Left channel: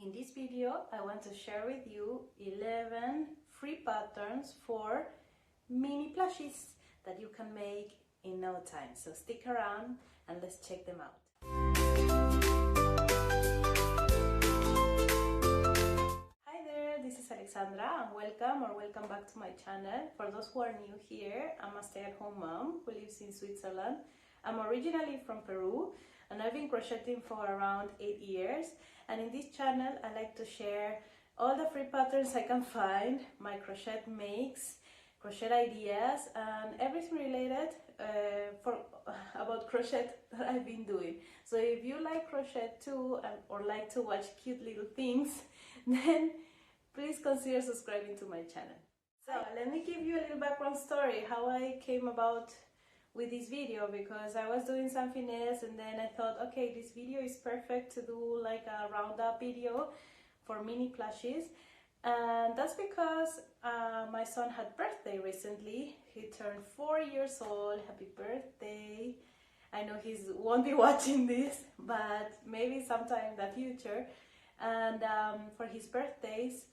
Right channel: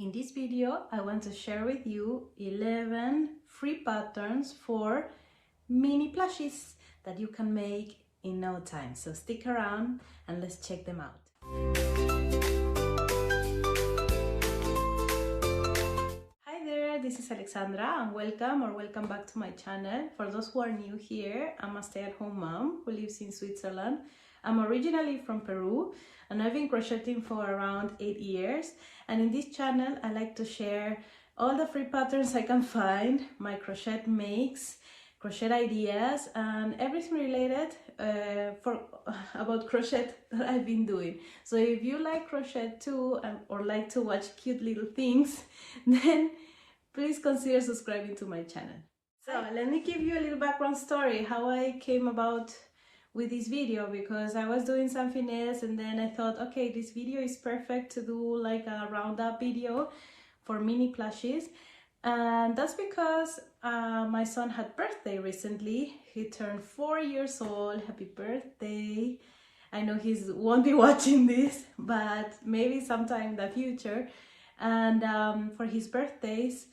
In this video, I want to share with you 11 free patterns for mini plushies that you can make in no time. So stick around and let's check them out. Hi there, this is Alexandra and welcome back to my channel. For those who are new here, I'm a stay-at-home mom who lives in Switzerland. I'm originally from Peru and I've been crocheting for around 8 years. And in this channel, I like to share all the free patterns I can find, my crochet makes, crochet ideas, and everything related about crochet that I've been doing. So if you like crochet too, or like to watch cute little things, then please consider subscribing to my channel. So let me give you a little background story, how I came about with this video, because I was doing something else and then I thought, okay, this video is perfect to do like a roundup video for mini plushies. And that's because my son had birthday recently. He turned 4 years old. Happy birthday. I know he won't be watching this, but maybe sometime in the future. And for his birthdays,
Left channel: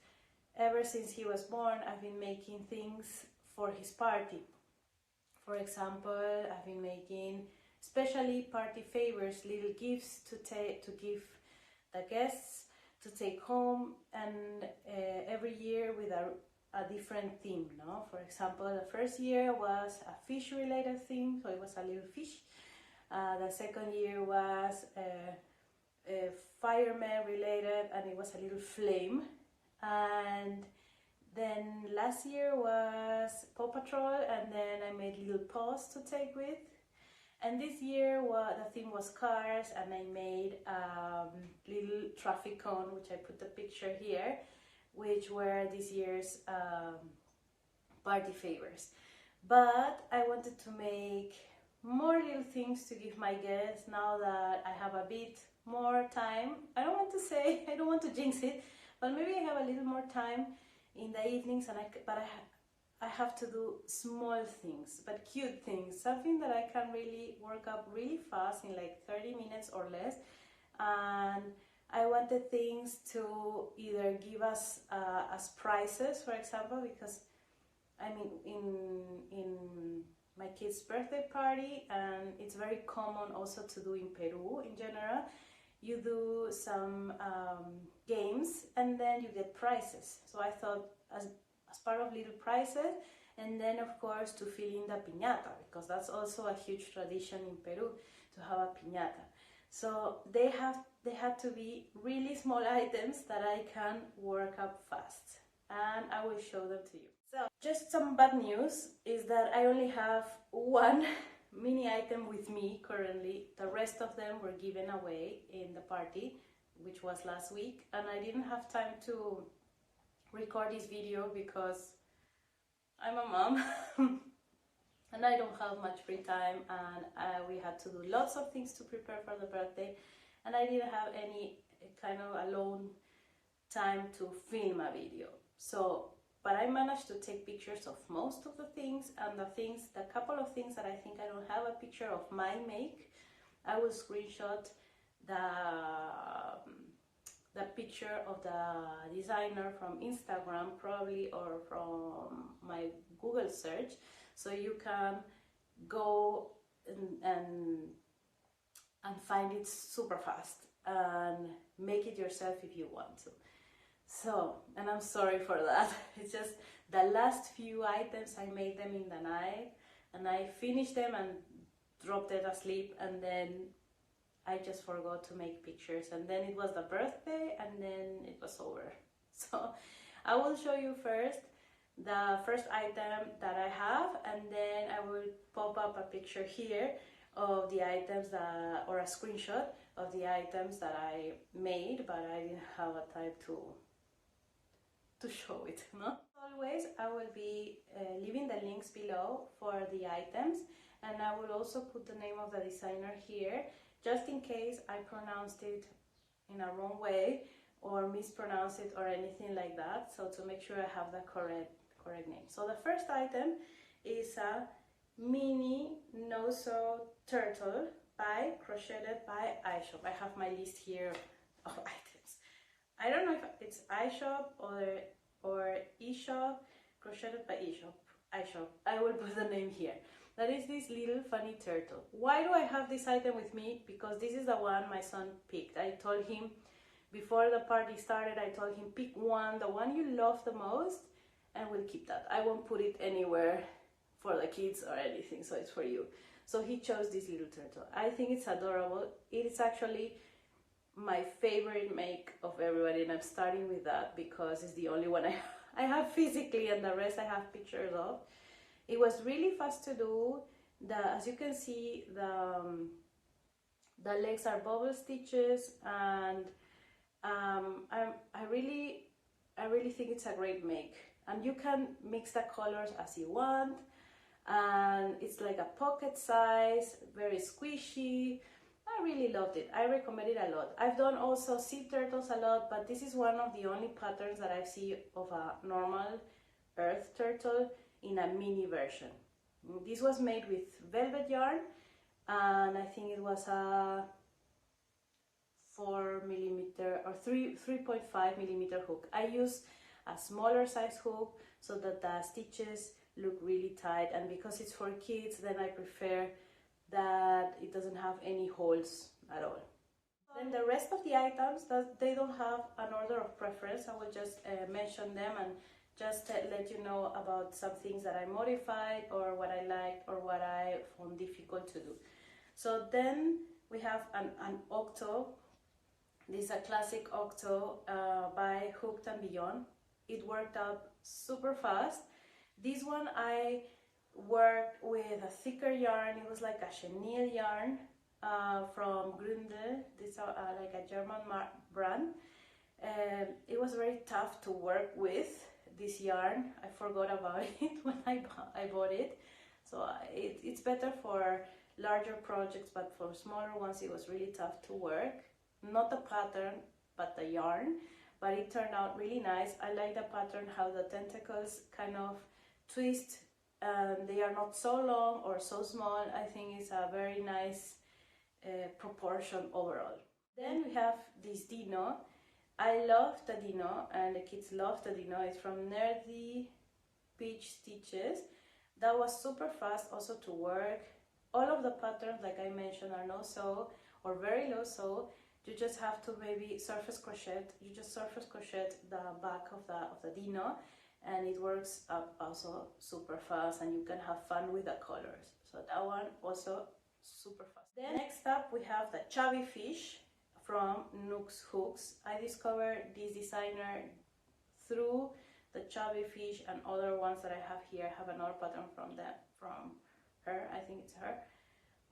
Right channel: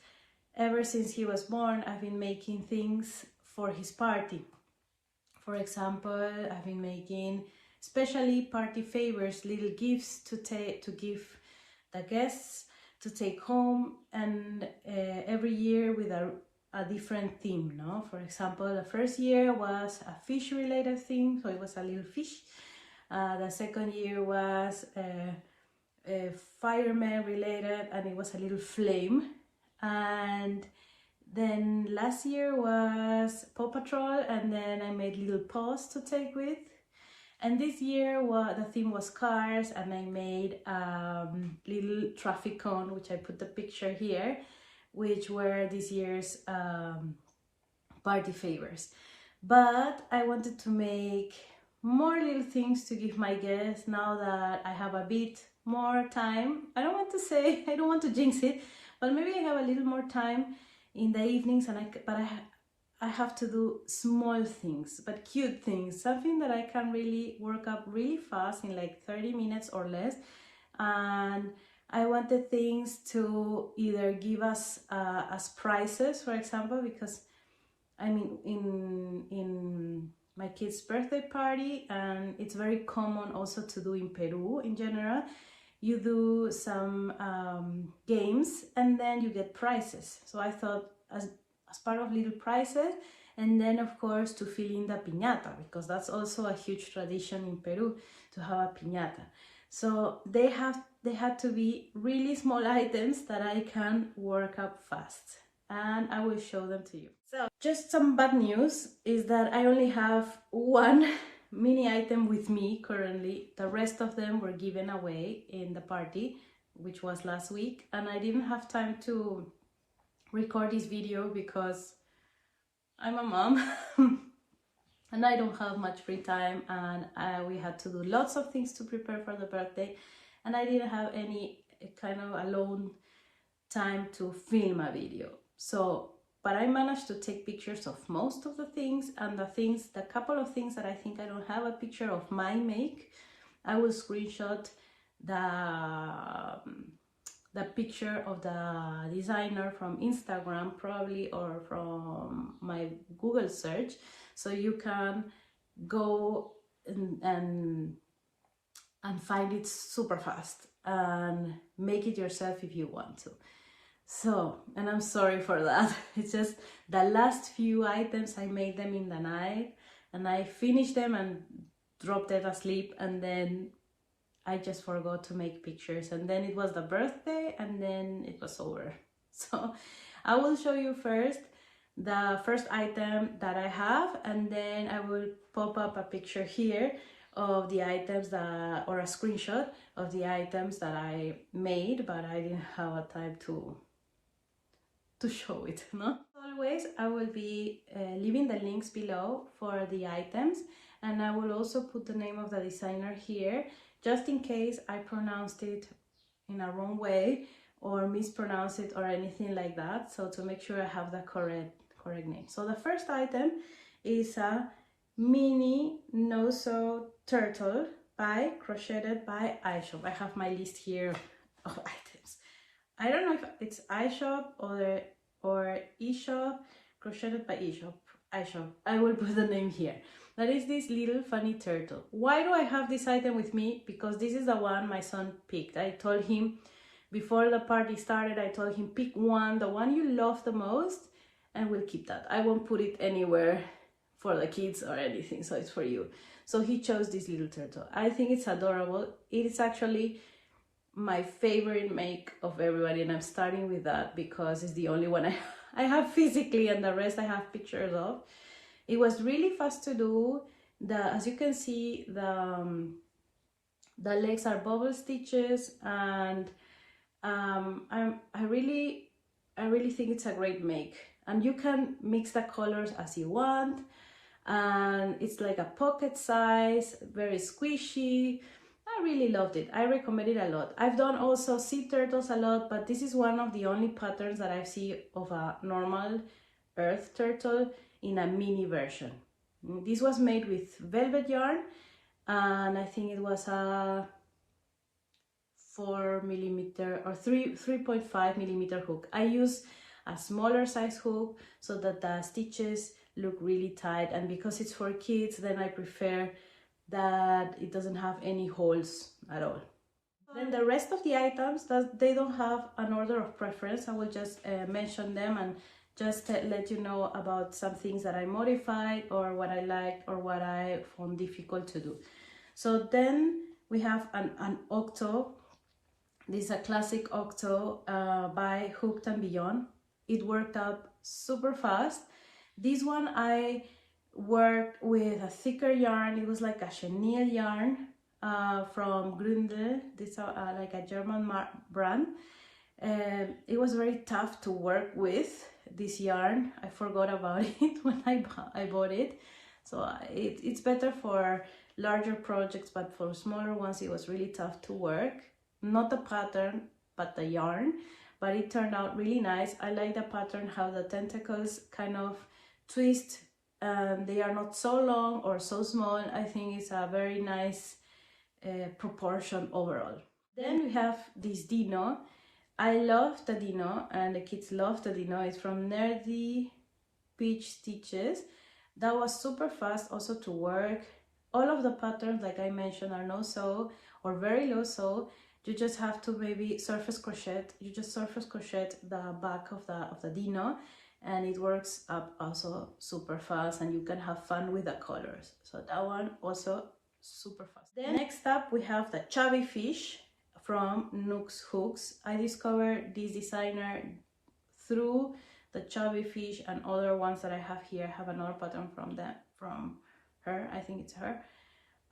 ever since he was born, I've been making things for his party. For example, I've been making especially party favors, little gifts to give the guests to take home, and every year with a different theme, no? For example, the first year was a fish related theme, so it was a little fish. The second year was a fireman related and it was a little flame. And then last year was Paw Patrol, and then I made little paws to take with. And this year the theme was cars, and I made little traffic cone, which I put the picture here, which were this year's party favors. But I wanted to make more little things to give my guests now that I have a bit more time. I don't want to jinx it, but maybe I have a little more time in the evenings, and I have to do small things but cute things, something that I can really work up really fast in like 30 minutes or less. And I wanted things to either give us as prizes, for example, because I mean in my kid's birthday party, and it's very common also to do in Peru in general, you do some games and then you get prizes. So I thought as part of little prizes, and then of course to fill in the piñata, because that's also a huge tradition in Peru to have a piñata. So they had to be really small items that I can work up fast, and I will show them to you. So just some bad news is that I only have one mini item with me currently. The rest of them were given away in the party, which was last week, and I didn't have time to record this video because I'm a mom and I don't have much free time, and we had to do lots of things to prepare for the birthday, and I didn't have any kind of alone time to film a video. So but I managed to take pictures of most of the things, and the couple of things that I think I don't have a picture of my make, I will screenshot the picture of the designer from Instagram probably, or from my Google search, so you can go and find it super fast and make it yourself if you want to. So, and I'm sorry for that. It's just the last few items, I made them in the night and I finished them and dropped it asleep, and then I just forgot to make pictures, and then it was the birthday and then it was over. So I will show you first the first item that I have, and then I will pop up a picture here of the items or a screenshot of the items that I made, but I didn't have a time to show it, no? Always, I will be leaving the links below for the items, and I will also put the name of the designer here, just in case I pronounced it in a wrong way or mispronounce it or anything like that, so to make sure I have the correct name. So the first item is a mini no-sew turtle by CrochetedByLShop. I have my list here of items. I don't know if it's iShop or eShop, Crocheted by eShop, iShop. I will put the name here. That is this little funny turtle. Why do I have this item with me? Because this is the one my son picked. I told him before the party started, I told him pick one, the one you love the most, and we'll keep that. I won't put it anywhere for the kids or anything, so it's for you. So he chose this little turtle. I think it's adorable. It is actually my favorite make of everybody, and I'm starting with that because it's the only one I have physically, and the rest I have pictures of. It was really fast to do. As you can see, the legs are bubble stitches, and I really think it's a great make, and you can mix the colors as you want, and it's like a pocket size, very squishy. I really loved it. I recommend it a lot. I've done also sea turtles a lot, but this is one of the only patterns that I've seen of a normal earth turtle in a mini version. This was made with velvet yarn, and I think it was a 4mm or 3.5mm hook. I use a smaller size hook so that the stitches look really tight, and because it's for kids, then I prefer that it doesn't have any holes at all. Then the rest of the items, they don't have an order of preference. I will just mention them and just let you know about some things that I modified or what I liked or what I found difficult to do. So then we have an octo. This is a classic octo by Hooked and Beyond. It worked out super fast. This one I worked with a thicker yarn. It was like a chenille yarn from Grunde. This is like a German brand. It was very tough to work with, this yarn. I forgot about it when I bought it. So it's better for larger projects, but for smaller ones it was really tough to work. Not the pattern, but the yarn. But it turned out really nice. I like the pattern, how the tentacles kind of twist, and they are not so long or so small. I think it's a very nice proportion overall. Then we have this Dino. I love the Dino, and the kids love the Dino. It's from Nerdy Peach Stitches. That was super fast also to work. All of the patterns, like I mentioned, are no sew or very low sew. You just have to maybe surface crochet. You just surface crochet the back of the Dino, and it works up also super fast, and you can have fun with the colors. So that one also super fast. Then next up we have the Chubby Fish from Nooks Hooks. I discovered this designer through the Chubby Fish, and other ones that I have here have another pattern from her. I think it's her.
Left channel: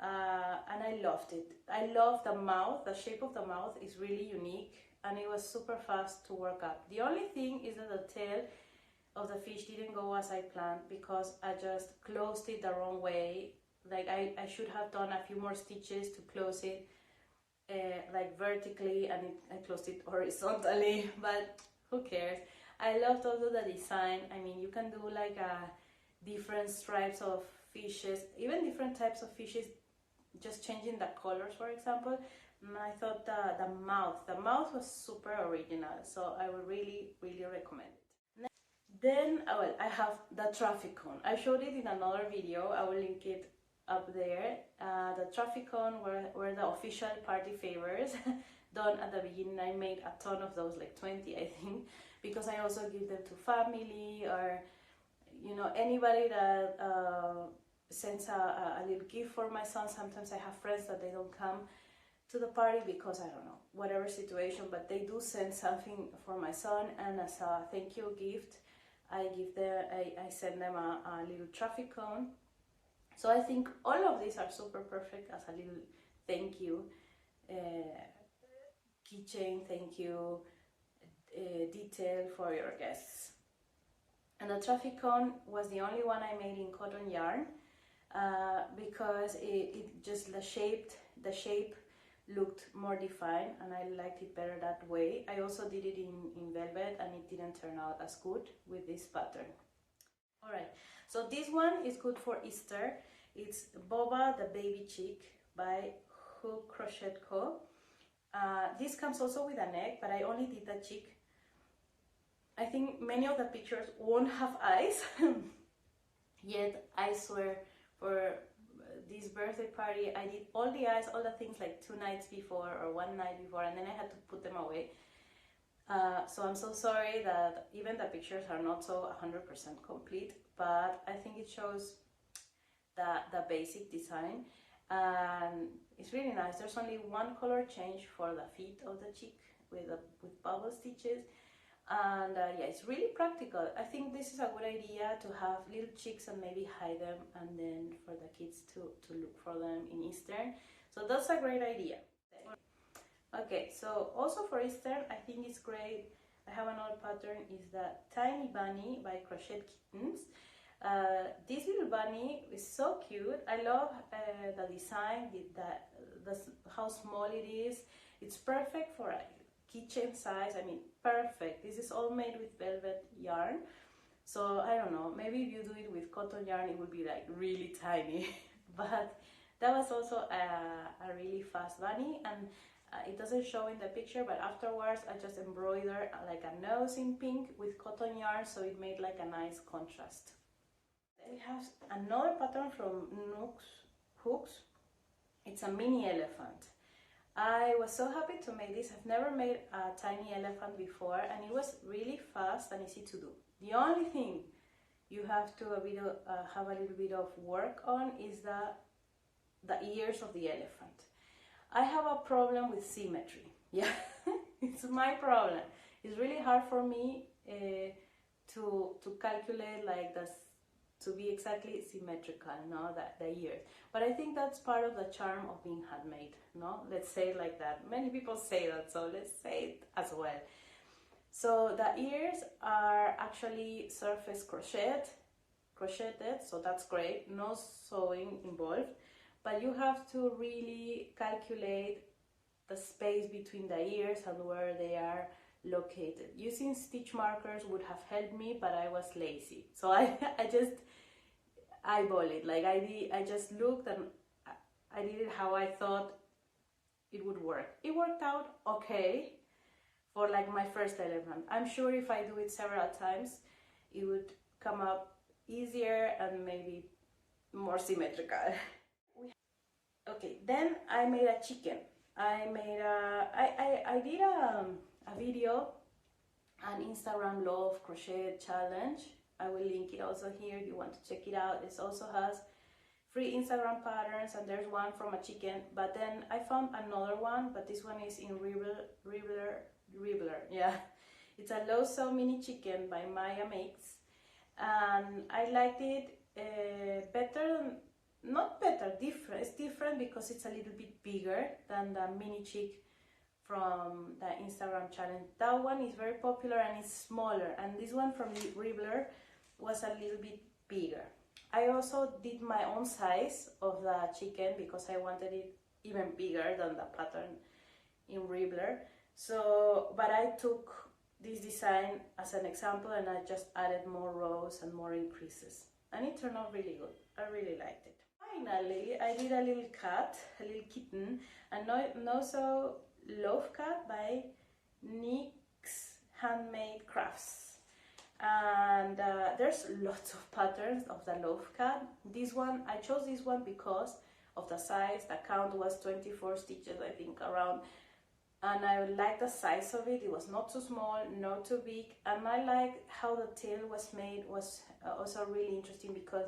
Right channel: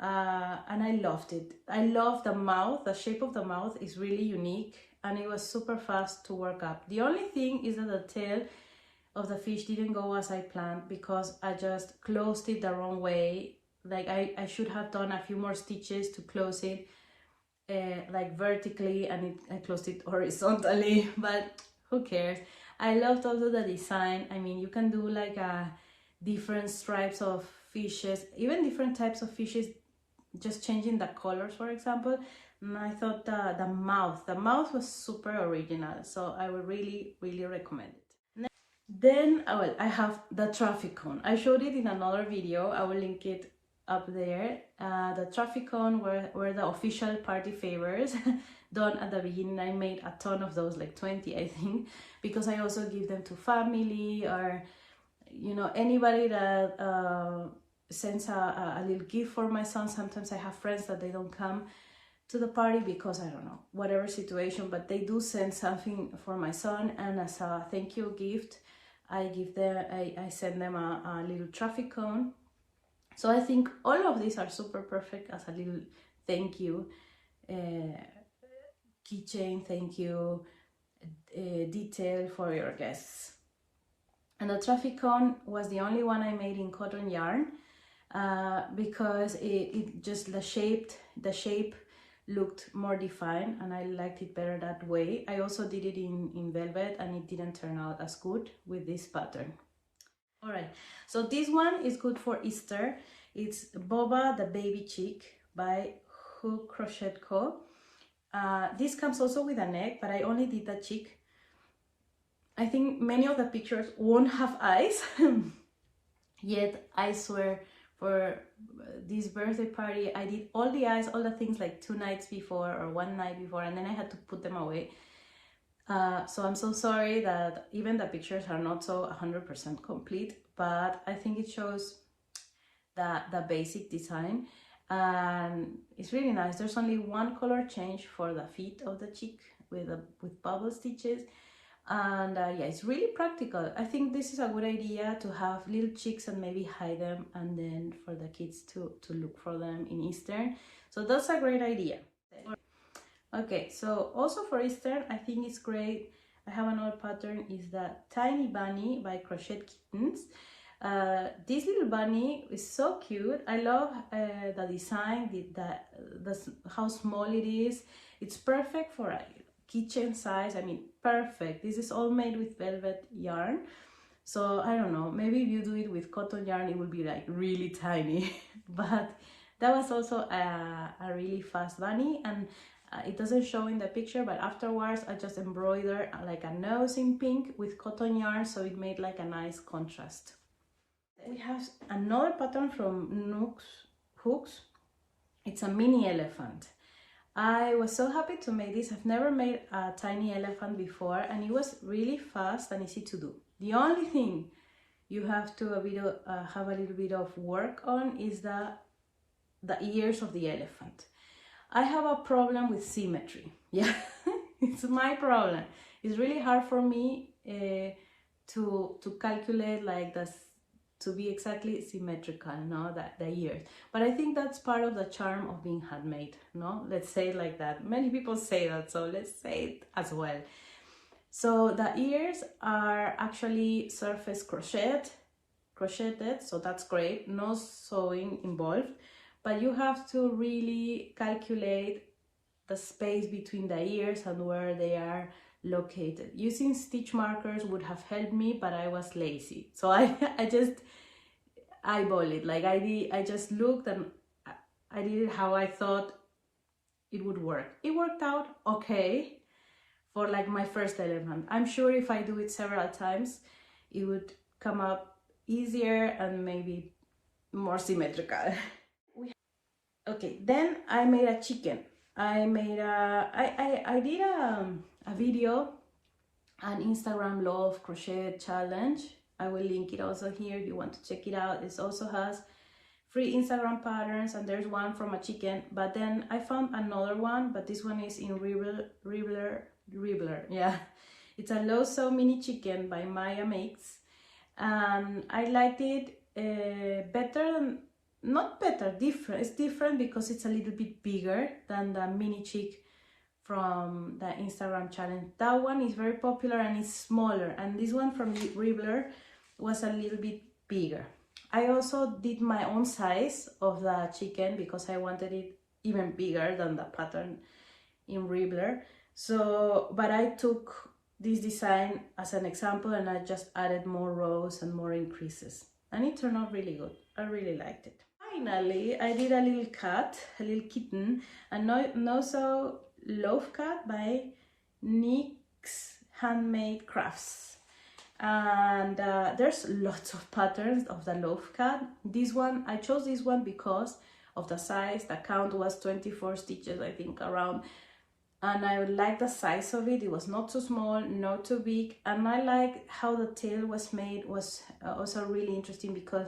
And I loved it. I love the mouth. The shape of the mouth is really unique, and it was super fast to work up. The only thing is that the tail of the fish didn't go as I planned, because I just closed it the wrong way. Like I should have done a few more stitches to close it like vertically, and I closed it horizontally, but who cares. I loved also the design. I mean, you can do like different stripes of fishes, even different types of fishes, just changing the colors, for example. And I thought the mouth was super original, so I would really recommend it. Then well, I have the traffic cone. I showed it in another video. I will link it up there. The traffic cone were the official party favors done at the beginning. I made a ton of those, like 20 I think, because I also give them to family, or you know, anybody that sends a little gift for my son. Sometimes I have friends that they don't come to the party because, I don't know, whatever situation, but they do send something for my son, and as a thank you gift I send them a little traffic cone. So I think all of these are super perfect as a little thank you keychain, thank you detail for your guests. And the traffic cone was the only one I made in cotton yarn because it just the shape looked more defined, and I liked it better that way. I also did it in velvet, and it didn't turn out as good with this pattern. All right, so this one is good for Easter. It's Boba the Baby Chick by Hook Crochet Co. This comes also with a neck, but I only did the cheek. I think many of the pictures won't have eyes, yet I swear for this birthday party I did all the eyes, all the things like 2 nights before or 1 night before, and then I had to put them away. So I'm so sorry that even the pictures are not so 100% complete, but I think it shows the basic design, and it's really nice. There's only one color change for the feet of the cheek with bubble stitches, and yeah, it's really practical. I think this is a good idea to have little cheeks and maybe hide them, and then for the kids to look for them in Easter. So that's a great idea. Okay, so also for Easter, I think it's great. I have another pattern, is the Tiny Bunny by Crocheted Kitens. This little bunny is so cute. I love the design, how small it is. It's perfect for a kitchen size. I mean, perfect. This is all made with velvet yarn. So I don't know, maybe if you do it with cotton yarn, it will be like really tiny. But that was also a really fast bunny, and it doesn't show in the picture, but afterwards I just embroidered like a nose in pink with cotton yarn, so it made like a nice contrast. We have another pattern from Nooks Hooks. It's a mini elephant. I was so happy to make this. I've never made a tiny elephant before, and it was really fast and easy to do. The only thing you have to have a little bit of work on is the ears of the elephant. I have a problem with symmetry. Yeah, it's my problem. It's really hard for me to calculate like this, to be exactly symmetrical, no, the ears. But I think that's part of the charm of being handmade, no? Let's say it like that. Many people say that, so let's say it as well. So the ears are actually surface crocheted, so that's great. No sewing involved. But you have to really calculate the space between the ears and where they are located. Using stitch markers would have helped me, but I was lazy. So I just eyeball it. Like I just looked and I did it how I thought it would work. It worked out okay for like my first elephant. I'm sure if I do it several times, it would come up easier and maybe more symmetrical. Okay, then I made a chicken. I did a video, an Instagram Love Crochet Challenge. I will link it also here if you want to check it out. It also has free Instagram patterns, and there's one from a chicken. But then I found another one, but this one is in Ribbler. Yeah, it's a low sew mini chicken by Maya Makes, and I liked it better than. Not better, different. It's different because it's a little bit bigger than the mini chick from the Instagram challenge. That one is very popular and it's smaller, and this one from Ribbler was a little bit bigger. I also did my own size of the chicken because I wanted it even bigger than the pattern in Ribbler. So, but I took this design as an example and I just added more rows and more increases, and it turned out really good. I really liked it. Finally, I did a little cat, a little kitten, a Sew Loaf Cat by Nick's Handmade Crafts. And there's lots of patterns of the loaf cat. This one, I chose this one because of the size. The count was 24 stitches, I think, around. And I like the size of it. It was not too small, not too big. And I like how the tail was made, was also really interesting because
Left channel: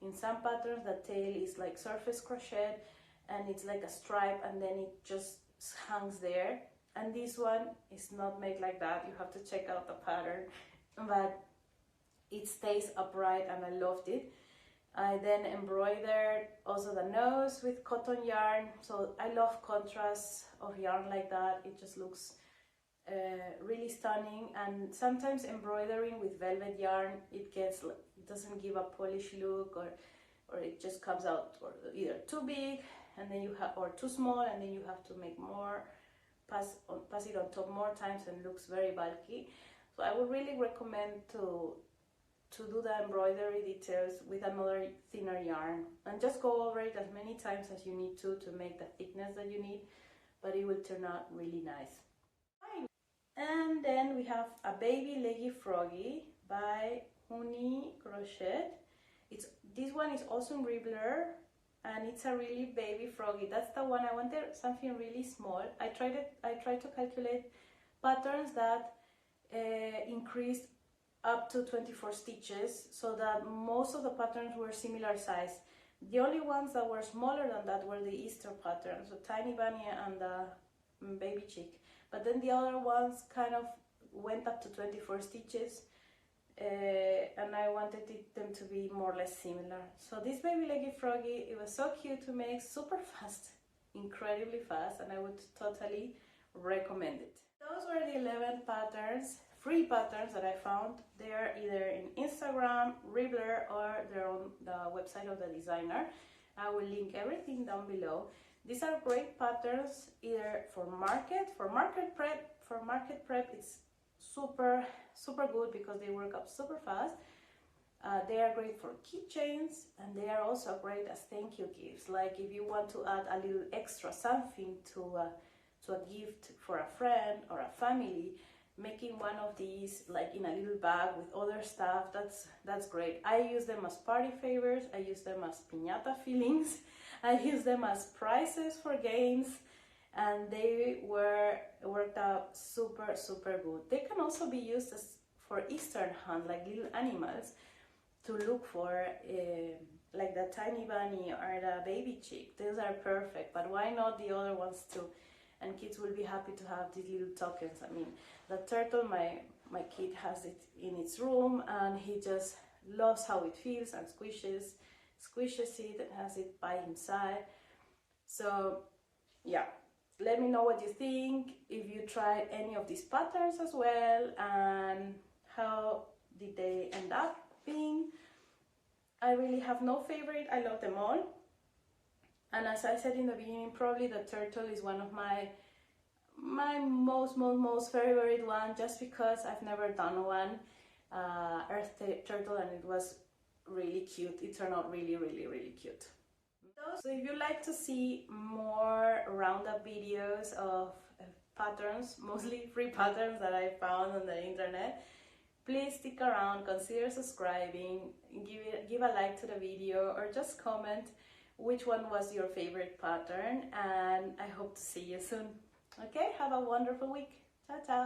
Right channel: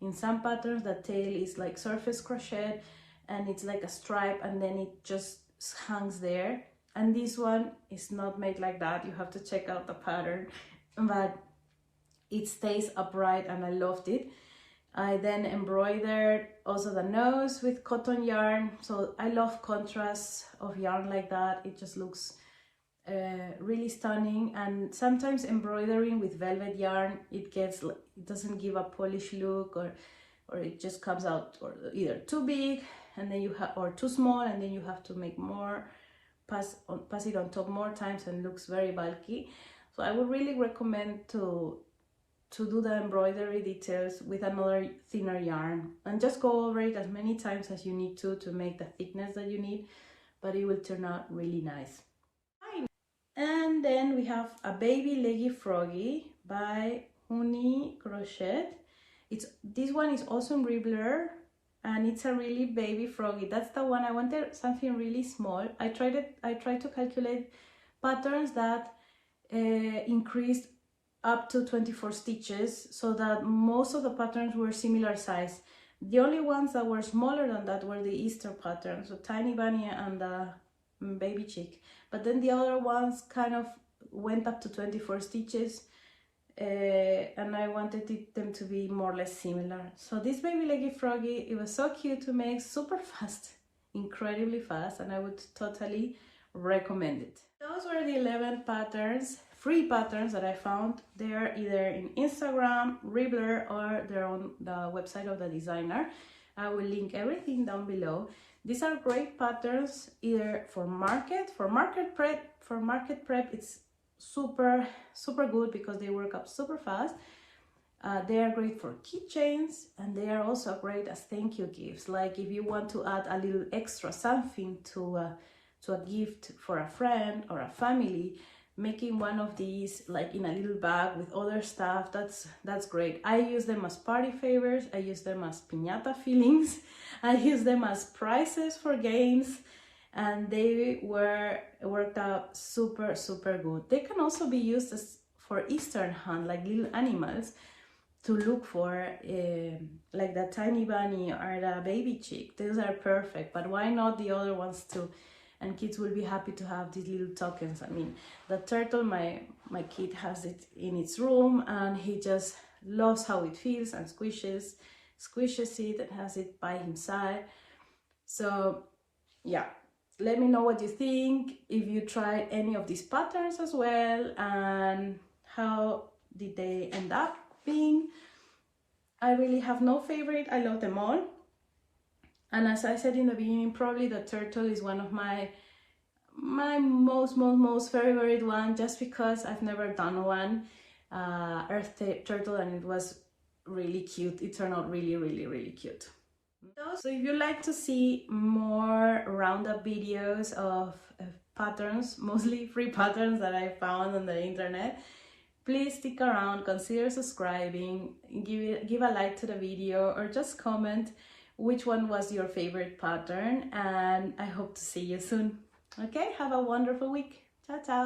in some patterns the tail is like surface crochet and it's like a stripe and then it just hangs there, and this one is not made like that. You have to check out the pattern, but it stays upright and I loved it. I then embroidered also the nose with cotton yarn, so I love contrasts of yarn like that. It just looks really stunning. And sometimes embroidering with velvet yarn, it doesn't give a polished look, or it just comes out or either too big and then or too small, and then you have to make more, pass it on top more times, and looks very bulky. So I would really recommend to do the embroidery details with another thinner yarn and just go over it as many times as you need to make the thickness that you need. but it will turn out really nice. And then we have a baby leggy froggy by Hunni Crochet. This one is also in Ribbler, and it's a really baby froggy. That's the one I wanted, something really small. I tried to calculate patterns that increased up to 24 stitches, so that most of the patterns were similar size. The only ones that were smaller than that were the Easter patterns, so Tiny Bunny and the Baby Chick. But then the other ones kind of went up to 24 stitches, and I wanted them to be more or less similar. So this baby leggy froggy, it was so cute to make, super fast, incredibly fast, and I would totally recommend it. Those were the 11 patterns, free patterns that I found. They are either in Instagram, Ribbler, or they're on the website of the designer. I will link everything down below. These are great patterns either for market prep. It's super good because they work up super fast. They are great for keychains, and they are also great as thank you gifts. Like if you want to add a little extra something to a gift for a friend or a family, making one of these like in a little bag with other stuff, that's great. I use them as party favors, I use them as piñata fillings, I use them as prizes for games, and they worked out super good. They can also be used as for Easter hunt, like little animals to look for, like the Tiny Bunny or the Baby Chick. Those are perfect, but why not the other ones too? And kids will be happy to have these little tokens. I mean, the turtle, my kid has it in its room, and he just loves how it feels and squishes it and has it by his side. So yeah, let me know what you think, if you tried any of these patterns as well, and how did they end up being. I really have no favorite, I love them all. And as I said in the beginning, probably the turtle is one of my most favorite one, just because I've never done one earth turtle, and it was really cute. It turned out really cute. So if you like to see more roundup videos of patterns, mostly free patterns that I found on the internet, please stick around, consider subscribing, give a like to the video, or just comment which one was your favorite pattern, and I hope to see you soon. Okay, have a wonderful week. Ciao, ciao.